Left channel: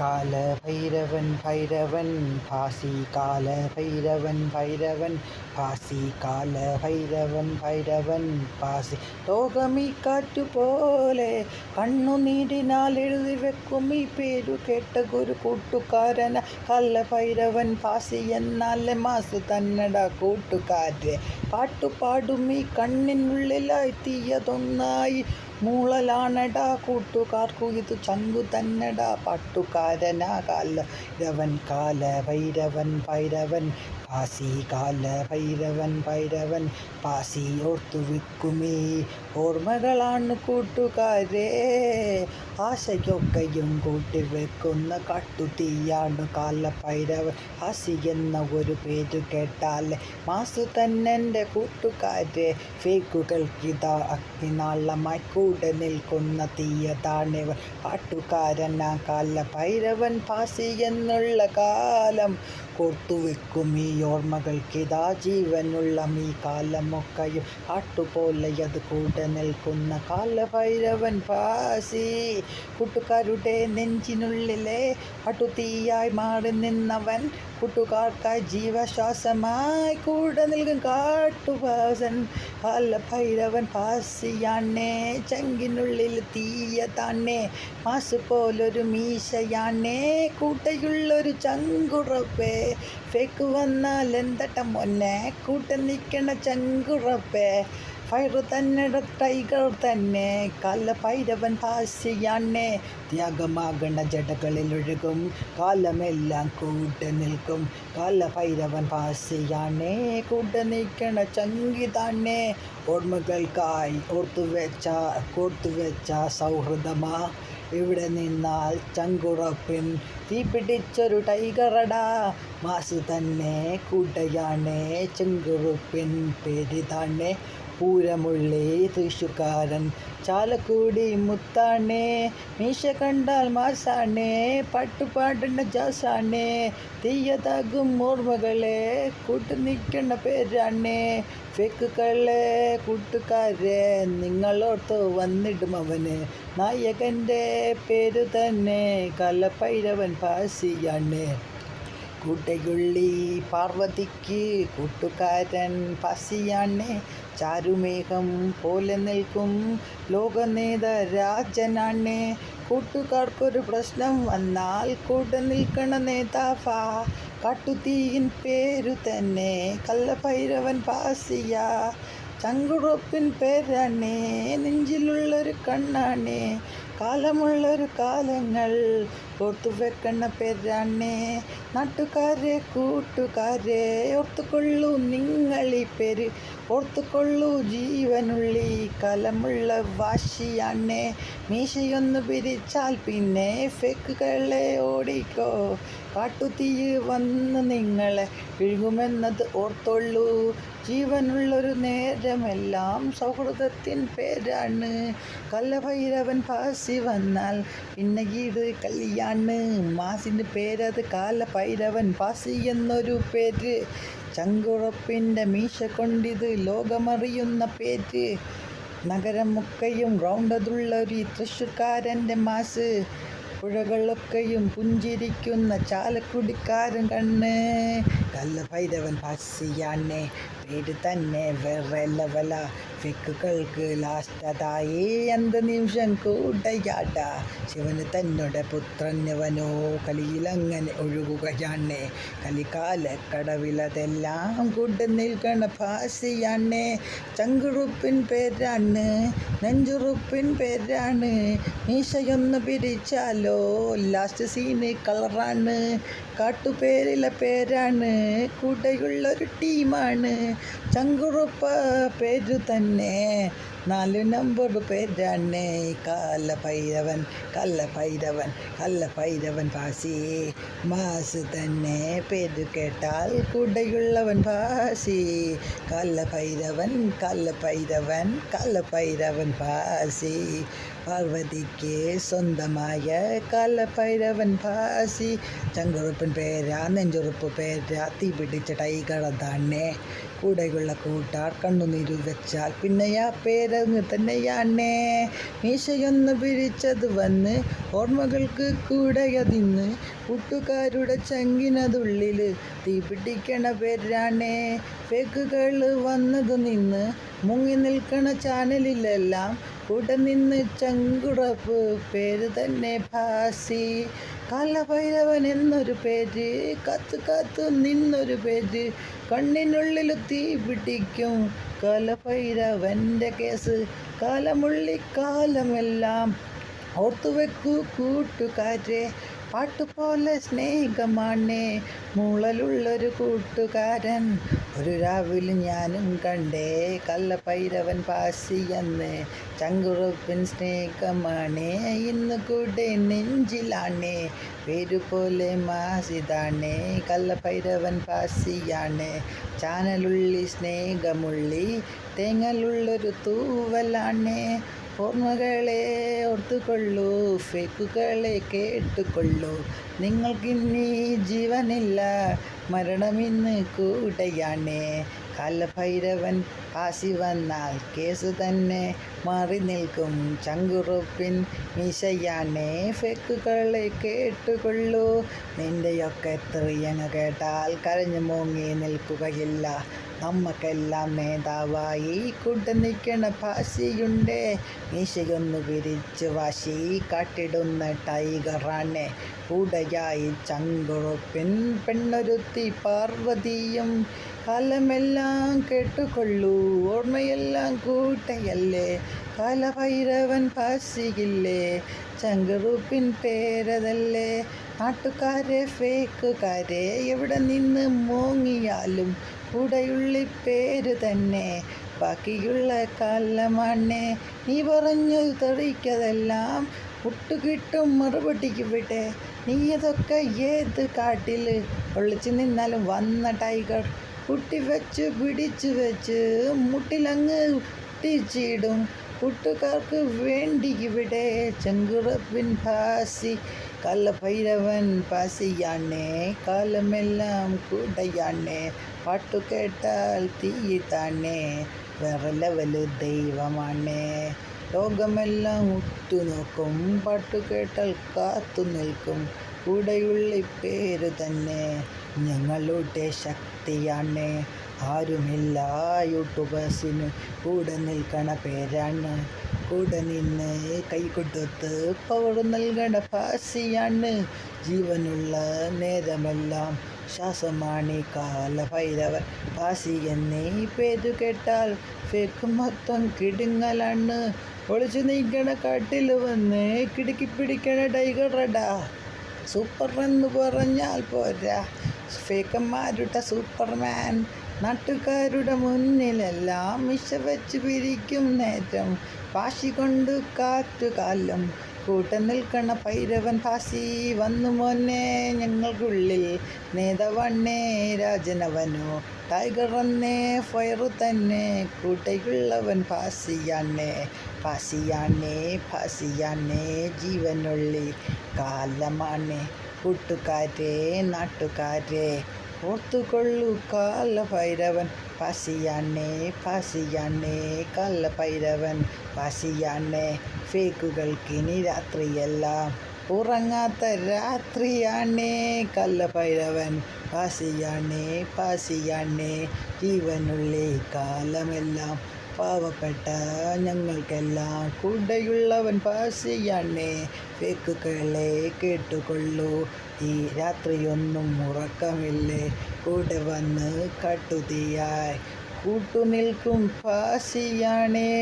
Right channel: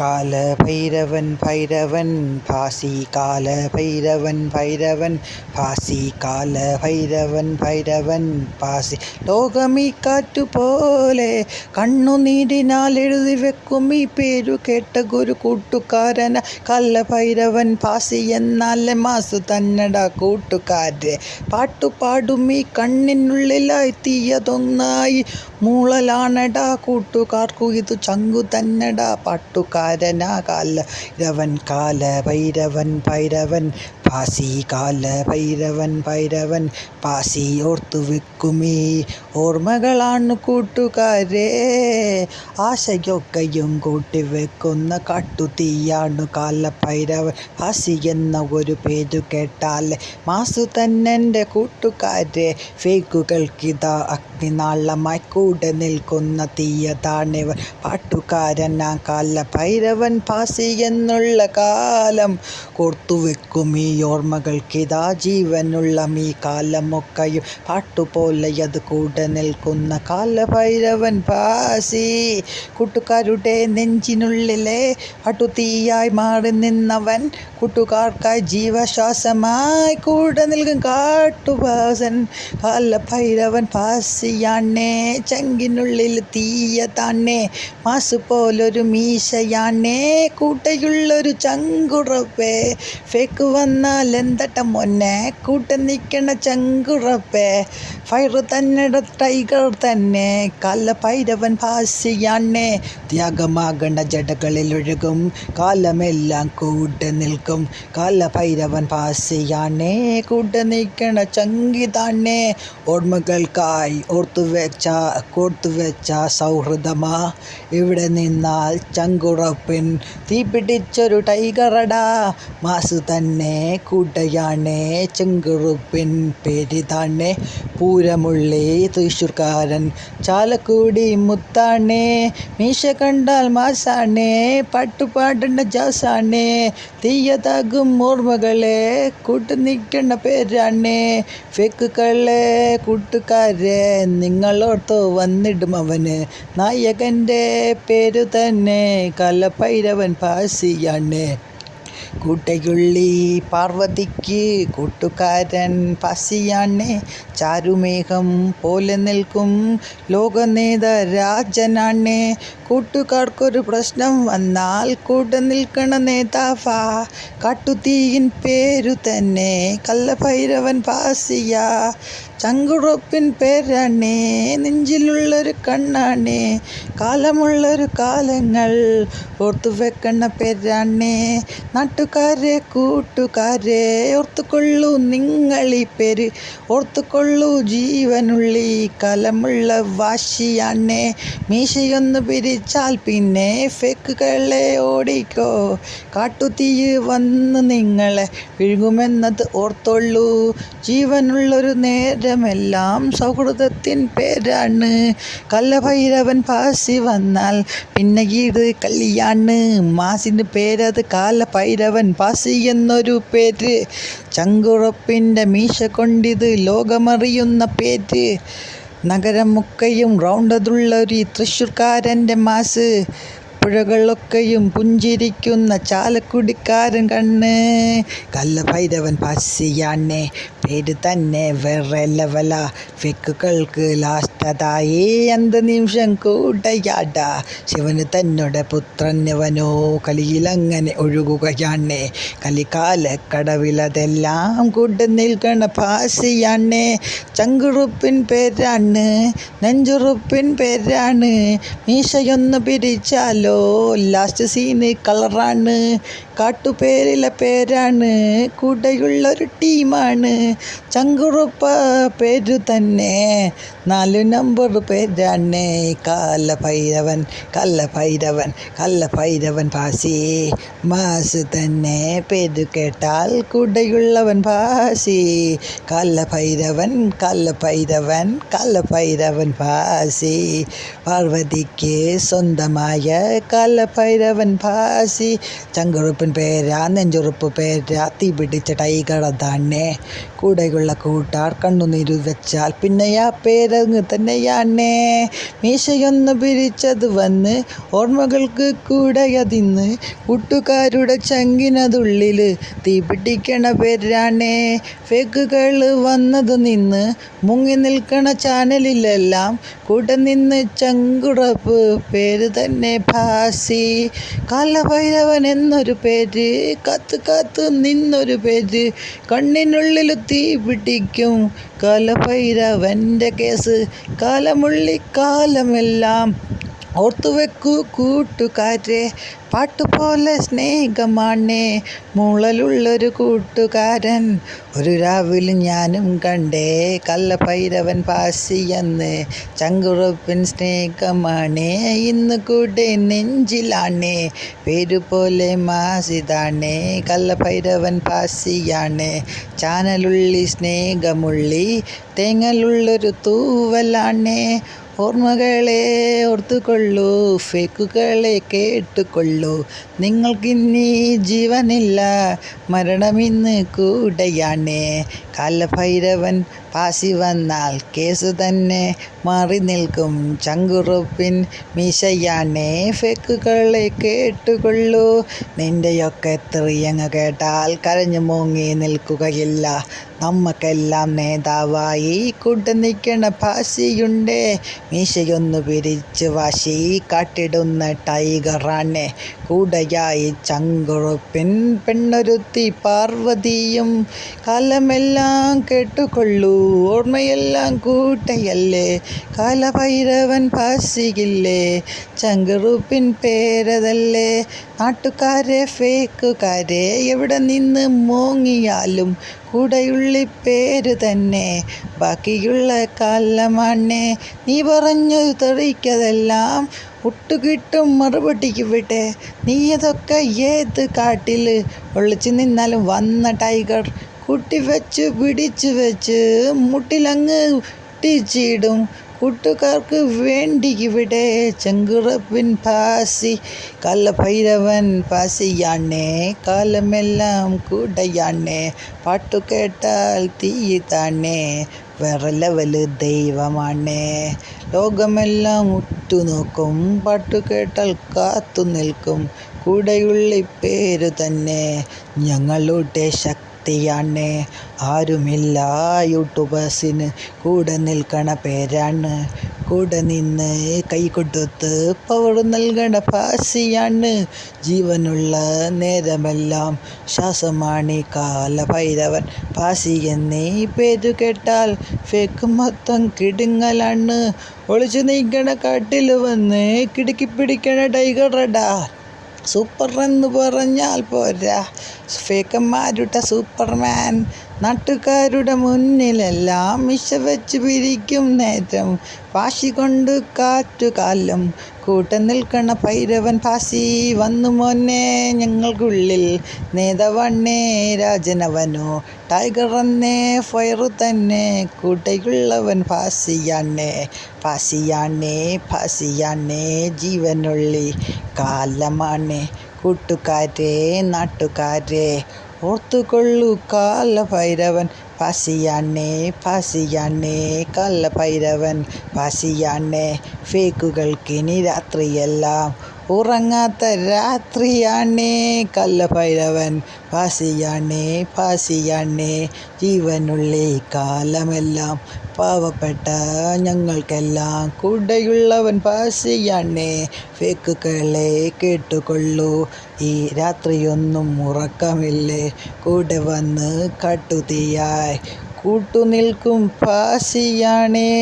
കാല ഭൈരവൻ ഭൈരവൻ ഭാസി കാല ഭൈരവൻ ഭൈരവൻ ഭാസി കാല ഭൈരവൻ ഭൈരവൻ ഭാസി. ലോകമീ കാറ്റുപോലെ കണ്ണുനീരിനാൽ എഴുതി വെക്കും ഈ പേരു കേട്ട ഒരു കൂട്ടുകാരന കാല ഭൈരവൻ ഭാസി. എന്നാലെ മാസു തന്നട കൂട്ടുകാരെ പാട്ടുപാടും ഈ കണ്ണിനുള്ളിലായി തീയതൊന്നായി മൂളലാണടാ കൂട്ടുകാർക്കു ഇത് ചങ്കു തന്നടാ പാട്ടുകാരനാ കാല ഭൈരവൻ കാല ഭൈരവൻ ഭൈരവൻ ഭാസി കാല ഭൈരവൻ ഭൈരവൻ ഭാസി. ഓർത്തു വെക്കുമീ ഓർമ്മകളാണ് കൂട്ടുകാരെ ആശയൊക്കെയും കൂട്ടിവെക്കുന്ന കാട്ടുതീയാണ് കാല ഭൈരവൻ ഭാസി എന്ന ഒരു പേരു കേട്ടാലേ മാസു തന്നെൻ്റെ കൂട്ടുകാരെ. ഫേക്കുകൾക്കിതാ അഗ്നിനാളമായി കൂടെ നിൽക്കുന്ന തീയതാണിവൻ പാട്ടുകാരനാ കാല ഭൈരവൻ ഭാസി എന്നുള്ള കാലം കോർത്തുവെക്കും ഈ ഓർമ്മകൾക്കിതാ ജീവനുള്ള ഈ കാലമൊക്കെയും പാട്ടുപോലെ അത് കൂടെ നിൽക്കുന്ന കാല ഭൈരവൻ ഭാസി. കൂട്ടുകാരുടെ നെഞ്ചിനുള്ളിലെ പാട്ടുതീയായി മാറി നിന്നവൻ കൂട്ടുകാർക്കായി ജീവശ്വാസമായി കൂടെ നിൽക്കും കാട്ടുഭാസൻ കാല ഭൈരവൻ ഭാസിയാണേ. ചങ്കിനുള്ളിൽ തീയതാണേ മാസു പോലൊരു മീശയാണേ കൂട്ടയുള്ളൊരു ചങ്കുറപ്പേ. ഫേക്ക് വന്നാൽ എന്തട്ട മൊന്നെ കൂടെ നിൽക്കണ ചങ്കുറപ്പേ. ഫയറ് തന്നെ ടൈഗർ തന്നെ കാല ഭൈരവൻ ഭാസിയാണേ. ത്യാഗമാകണ ജടകളിൽ ഒഴുകും കാലമെല്ലാം കൂടെ നിൽക്കും കാല ഭൈരവൻ ഭാസിയാണേ. കൂടെ നിൽക്കണ ചങ്കിതാണേ ഓർമ്മകൾക്കായി കോർത്തുവെച്ച സൗഹൃദമാ ഇവിടെ നിന്നാൽ ചങ്കുറപ്പിൻ തീ പിടിച്ചൊരു ടൈഗറടാ മാസു തന്നെ കൂട്ടയാണേ ചങ്കുറുപ്പിൻ പേരിതാണേ. പൂരമുള്ളി തൃശ്ശൂർക്കാരൻ ചാലക്കുടി മുത്താണേ മീശ കണ്ടാൽ മാസാണേ പാട്ടുപാടേണ്ട ജാസാണേ. തീയതാകും ഓർമ്മകളെ കൂട്ടു നിൽക്കണ പേരാണേ ഫേക്കുകളെ കൂട്ടുകാരെ നിങ്ങളോർത്തോ വന്നിടും അവന് നായകൻ്റെ പേരു തന്നെ കാല ഭൈരവൻ ഭാസിയാണ്. കൂട്ടയുള്ളി പാർവതിക്ക് കൂട്ടുകാരൻ ഭാസിയാണ്. ചാരുമേഘം പോലെ നിൽക്കും ലോകനേതാരാജനാണ്. കൂട്ടുകാർക്കൊരു പ്രശ്നം വന്നാൽ കൂടെ നിൽക്കണ നേതാവാ കാട്ടുതീയിൻ പേരു തന്നെ കാല ഭൈരവൻ ഭാസിയാ. ചങ്കുറപ്പിൻ പേരാണേ നെഞ്ചിലുള്ളൊരു കണ്ണാണേ കാലമുള്ളൊരു കാലങ്ങൾ ഓർത്തുവെക്കണ പേരാണേ. നാട്ടുകാരെ കൂട്ടുകാരെ ഓർത്തുകൊള്ളൂ നിങ്ങളീ പേര് ഓർത്തുകൊള്ളൂ ജീവനുള്ളി കാലമുള്ള വാശിയാണേ. മീശയൊന്ന് പിരിച്ചാൽ പിന്നെ ഫേക്കുകളെ ഓടിക്കോ കാട്ടുതീ വന്ന് നിങ്ങളെ വിഴുങ്ങുമെന്നത് ഓർത്തോളൂ. ജീവനുള്ളൊരു നേരമെല്ലാം സൗഹൃദത്തിൻ പേരാണ് കാല ഭൈരവൻ ഭാസി വന്നാൽ പിന്നെ ഇത് കളിയാണ്. മാസിന് പേരത് കാല ഭൈരവൻ ഭാസി എന്നൊരു പേര്. ചങ്കുറപ്പിൻ്റെ മീശ കൊണ്ടിത് ലോകമറിയുന്ന പേര്. നഗരമൊക്കെയും റൗണ്ടതുള്ളൊരു തൃശ്ശൂർക്കാരൻ്റെ മാസ്. പുഴകളൊക്കെയും പുഞ്ചിരിക്കുന്ന ചാലക്കുടിക്കാരൻ കണ്ണ് കാല ഭൈരവൻ ഭാസിയാണേ പേര് തന്നെ വേറെ ലെവല. ഫേക്കുകൾക്ക് ലാസ്റ്റതായി എന്ത് നിമിഷം കൂടയാട ശിവന് തന്നോടെ പുത്രനവനോ കളിയിലങ്ങനെ ഒഴുകുകയാണേ. കലികാലക്കടവിലതെല്ലാം കൂടെ നിൽക്കണ ഭാസിയാണേ. ചങ്കുറുപ്പിൻ പേരാണ് നെഞ്ചുറുപ്പിൻ പേരാണ്. മീശയൊന്ന് പിരിച്ചാലോ ലാസ്റ്റ് സീന് കളറാണ്. കാട്ടുപേരിലെ പേരാണ് കൂടെയുള്ളൊരു ടീമാണ്. ചങ്കുറുപ്പ പേരു തന്നെ 4 നമ്പർ പേരാണ് കാല ഭൈരവൻ കാല ഭൈരവൻ കാല ഭൈരവൻ ഭാസി. മാസ് തന്നെ പേരു കേട്ടാൽ കൂടെയുള്ളവൻ ഭാസി കാല ഭൈരവൻ കാല ഭൈരവൻ കാല ഭൈരവൻ ഭാസി. പാർവതിക്ക് സ്വന്തമായ കാല ഭൈരവൻ ഭാസി. ചങ്കുറുപ്പിൻ പേരാ നെഞ്ചുറുപ്പ് പേരാ തീ പിടിച്ച ടൈഗർ അതാണേ. കൂടെയുള്ള കൂട്ടാർ കണ്ണുനീരു വെച്ചാൽ പിന്നെ ആ പേര് പേരങ്ങ് തന്നെയാണേ. മീശയൊന്ന് പിരിച്ചത് വന്ന് ഓർമ്മകൾക്ക് കൂടയതിന്ന് കൂട്ടുകാരുടെ ചങ്കിനതുള്ളിൽ തീ പിടിക്കണ പേരാണേ. ഫേക്കുകൾ വന്നത് നിന്ന് മുങ്ങി നിൽക്കണ ചാനലിലെല്ലാം കൂടെ നിന്ന് ചങ്കുറപ്പ് പേര് തന്നെ ഭാസി. കാലഭൈരവൻ എന്നൊരു പേര്, കാത്ത് കാത്ത് നിന്നൊരു പേര്, കണ്ണിനുള്ളിൽ തീ പിടിക്കും കാലഭൈരവൻ്റെ കേസ്. കാലമെല്ലാം ഓർത്തുവെക്കൂ കൂട്ടുകാരെ, പാട്ടുപോലെ സ്നേഹമാണേ മൂളലുള്ളൊരു കൂട്ടുകാരൻ. ഒരു രാവിലെ ഞാനും കണ്ടേ കാലഭൈരവൻ ഭാസിയെന്ന്. ചങ്കുറപ്പിൻ സ്നേഹമാണേ ഇന്ന് കൂടെ നെഞ്ചിലാണേ. പേരുപോലെ മാസിതാണേ കാലഭൈരവൻ ഭാസിയാണ്. ചാനലുള്ളി സ്നേഹമുള്ളി തേങ്ങലുള്ളൊരു തൂവലാണേ. ഓർമ്മകളെ ഓർത്തുകൊള്ളൂ, ഫേക്കുകളെ കേട്ടുകൊള്ളൂ. നിങ്ങൾക്കിനി ജീവനില്ല, മരണമിന്ന് കൂടെയാണ്. കാലഭൈരവൻ ഭാസി വന്നാൽ കേസ് തന്നെ മാറി നിൽക്കും. ചങ്കുറപ്പിൻ മീശയാണേ, ഫേക്കുകളെ കേട്ടുകൊള്ളൂ. നിന്റെയൊക്കെ തെറിയങ്ങ് കേട്ടാൽ കരഞ്ഞു മൂങ്ങി നിൽക്കുകയില്ല. നമ്മക്കെല്ലാം നേതാവായി കൂടെ നിൽക്കണ ഭാസിയുണ്ടേ. മീശയൊന്നു പിരിച്ച് വാശി കാട്ടിടുന്ന ടൈഗറാണ്. കൂടെയായി ചങ്കുറപ്പിൻ പെണ്ണൊരുത്തി പാർവതിയും. കാലമെല്ലാം കേട്ടുകൊള്ളൂ, ഓർമ്മയെല്ലാം കൂട്ടയല്ലേ. കാലഭൈരവൻ ഭാസിയില്ലേ, ചങ്കുറപ്പിൻ പേരതല്ലേ. നാട്ടുകാരെ ഫേക്കുകാരെ എവിടെ നിന്ന് മോങ്ങിയാലും കൂടെയുള്ളി പേര് തന്നെ ബാക്കിയുള്ള കാലമാണ്. നീ പറഞ്ഞു തെറിക്കതെല്ലാം ഒട്ടുകിട്ടും മറുപടി ഇവിടെ. നീയതൊക്കെ ഏത് കാട്ടിൽ ഒളിച്ചു നിന്നാലും വന്ന ടൈഗർ കൂട്ടിവെച്ച് പിടിച്ചു വെച്ച് മുട്ടിലങ്ങ് ഒട്ടിച്ചിടും. കൂട്ടുകാർക്ക് വേണ്ടി ഇവിടെ ചങ്കുറപ്പിൻ ഭാസി. കാലഭൈരവൻ ഭാസിയാണേ, കാലമെല്ലാം കൂടെയാണേ. പാട്ടു കേട്ടാൽ തീയിതാണേ, വേറെ ലെവല് ദൈവമാണേ. ലോകമെല്ലാം ഉറ്റുനോക്കും, പാട്ടു കേട്ടാൽ കാത്തു നിൽക്കും. കൂടെയുള്ളി പേര് തന്നെ ഞങ്ങളുടെ ശക്തിയാണ്. ആരുമില്ല യൂട്യൂബേഴ്സിന് കൂടെ നിൽക്കണ പേരാണ്. കൂടെ നിന്ന് കൈ കൊടുത്ത് പവർ നൽകണ ഭാസിയാണ്. ജീവനുള്ള നേരമെല്ലാം ശ്വാസമാണ് കാലഭൈരവൻ ഭാസി എന്നീ പേരു കേട്ടാൽ ഫേക്ക് മൊത്തം കിടുങ്ങലാണ്. ഒളിച്ചു നീക്കണ കാട്ടിൽ വന്ന് കിടുക്കി പിടിക്കണ ടൈഗറടാ. സൂപ്പർ എന്ന് പറഞ്ഞാൽ പോരാ, ഫേക്കന്മാരുടെ സൂപ്പർമാൻ. നാട്ടുകാരുടെ മുന്നിലെല്ലാം മിശ വെച്ച് പിരിക്കും നേരം. വാശി കൊണ്ട് കാറ്റുകാലം കൂടെ നിൽക്കണ ഭൈരവൻ ഭാസി വന്നു മോനെ ഞങ്ങൾക്കുള്ളിൽ. നേതാവണ്ണേ രാജനവനോ ടൈഗർ എന്നേ ഫയറു തന്നെ. കൂടെയുള്ളവൻ ഭാസിയാണേ, ഭാസിയാണേ ജീവനുള്ളി കാലമാണ്. കൂട്ടുകാരെ നാട്ടുകാരെ ഓർത്തുകൊള്ളു കാലഭൈരവൻ ഭാസിയാണേ, കാലഭൈരവൻ ഭാസിയാണേ. ഫേക്കുകൾക്കിനി രാത്രിയെല്ലാം ഉറങ്ങാത്ത രാത്രിയാണേ. കാലഭൈരവൻ ഭാസിയാണേ ജീവനുള്ളി കാലമെല്ലാം. പാവപ്പെട്ട ഞങ്ങൾക്കെല്ലാം കൂടെയുള്ളവൻ ഭാസിയാണേ. ഫേക്കുകളെ കേട്ടുകൊള്ളൂ, ഈ രാത്രിയൊന്നും ഉറക്കമില്ലേ. കൂടെ വന്ന് കാട്ടുതീയായി കൂട്ടുനിൽക്കും ഭാസിയാണേ.